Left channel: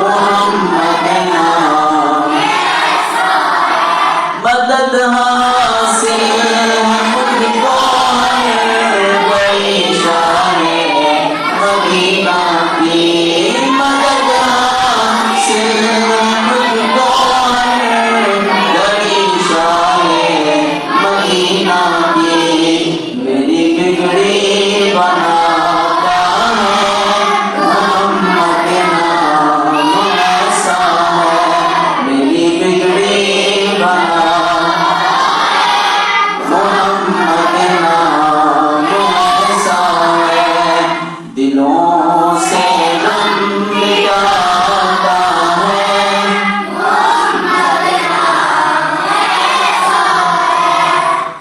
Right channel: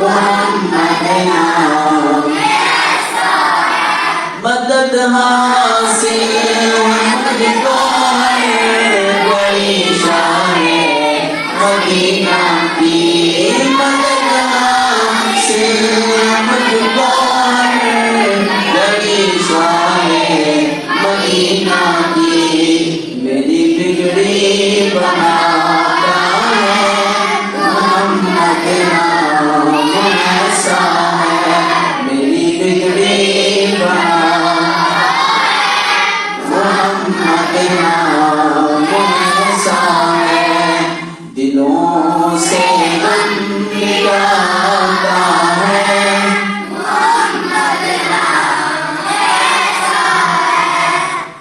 मोहम्मद नाम मदद हासिल मुझको है बड़ी शान मदीना की मदद हासिल मुझको है बड़ी शान मदीना की मेरी बिगड़ी बनाता है मोहम्मद नाम ऐसा है मेरी बिगड़ी बनाता मोहम्मद नाम ऐसा है दिलों से गम मिटाता है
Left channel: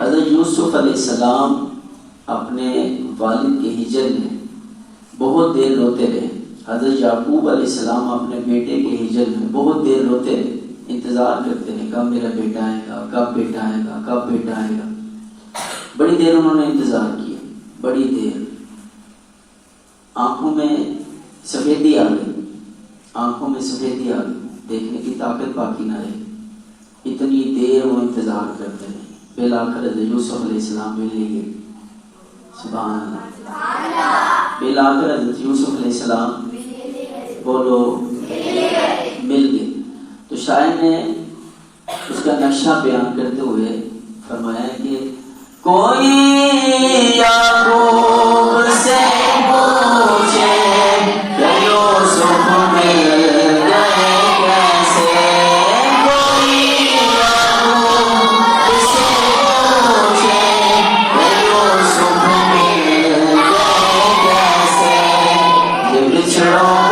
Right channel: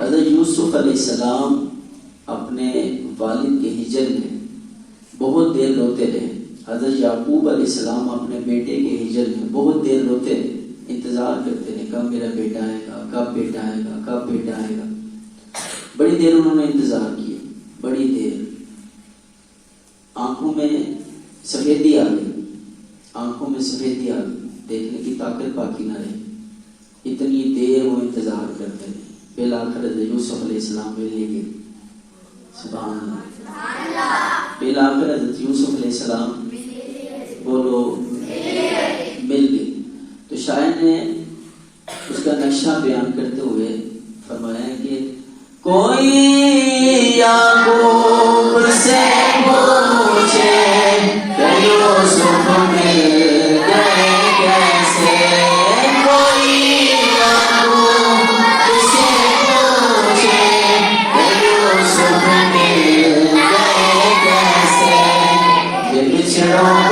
हज़रत यूसुफ अलैहिस्सलाम अपने वालिद के हिजर में बहुत देर रोते रहे। हज़रत याकूब अलैहिस्सलाम अपने बेटे के हिजर में बहुत देर रोते रहे, इंतजार करते रहे कब मेरा बेटा आएगा, कब बेटा आएगा, कब बेटा आएगा। बड़ी देर उन्होंने इंतजार किया, बड़ी देर। आंखों में सफेदी आ गई, आंखों में सफेदी आ गई, देखने की ताकत बाकी न रही। इतनी देर वो इंतजार करते रहे। बिलाखिर हज़रत यूसुफ अलैहिस्सलाम मिल गए। सुभान अल्लाह। बिलाखिर हज़रत यूसुफ अलैहिस्सलाम बोलो मिल गए। तो शायर ने उसका नक्शा बयान करते हुए फरमाया कि कोई याकूब से पूछे कि यूसुफ मिल गए कैसे। कोई याकूब से पूछे कि यूसुफ मिल गए कैसे। ये बिछड़ों